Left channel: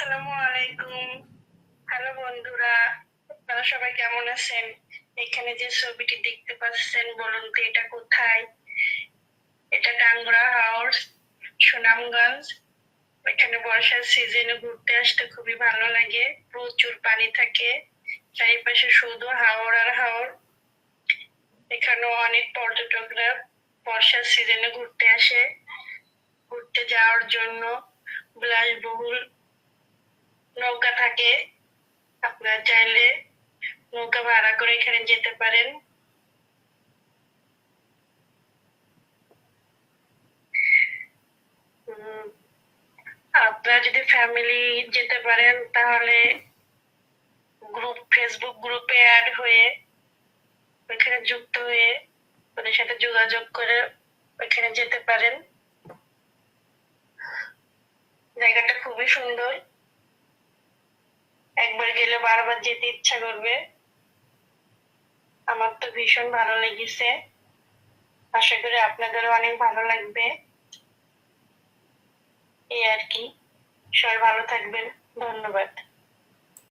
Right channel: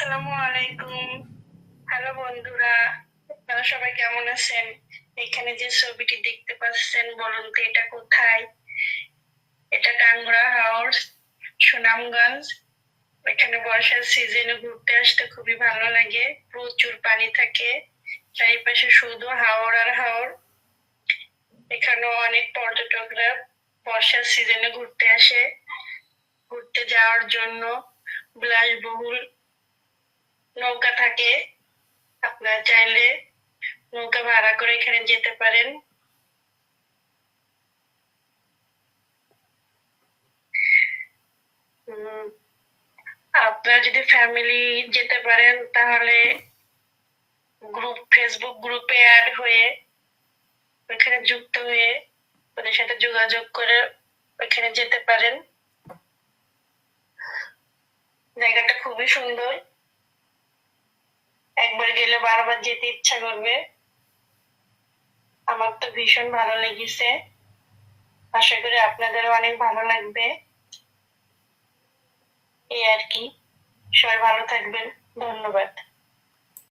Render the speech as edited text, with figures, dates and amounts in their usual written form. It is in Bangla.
আসসালামু আলাইকুম। হ্যালো বন্ধুরা, আপনারা সবাই কেমন আছেন? এখানে যে ছবিটি দেখতে পাচ্ছেন, বলুন তো এটা কোথায়? এটা টাঙ্গুরা হাউস, সুনামগঞ্জ। এখানে বর্ষার সিজনে ঘুরতে আসতে খুবই ভালো লাগে, প্রচুর পানি থাকে, চারিপাশে শুধু হাওর আর হাওর। এখানেও অনেক পর্যটকরা বর্ষার সিজনে ঘুরতে আসে। ঘুরতে যাওয়ার জন্য বিলাসবহুল নৌকা থাকে, আপনারা চাইলে নৌকা ভাড়া করে এখানে যেতে পারেন। আপনারা যদি ফ্যামিলি যেতে পারেন তাহলে ফেসবুক গ্রুপে অ্যাড হয়ে ওখানে যুক্ত হয়ে ওদের সাথে যোগাযোগ করে ওখানে যেতে পারেন। জায়গাটা খুবই সুন্দর, একবার গেলে বারবার যেতে ইচ্ছা করবে। আমার তো ভীষণ ভালো লেগেছে, আশা করি আপনাদেরও অনেক ভালো লাগবে। এই আর কি, সবাই ভালো থাকবেন, ধন্যবাদ।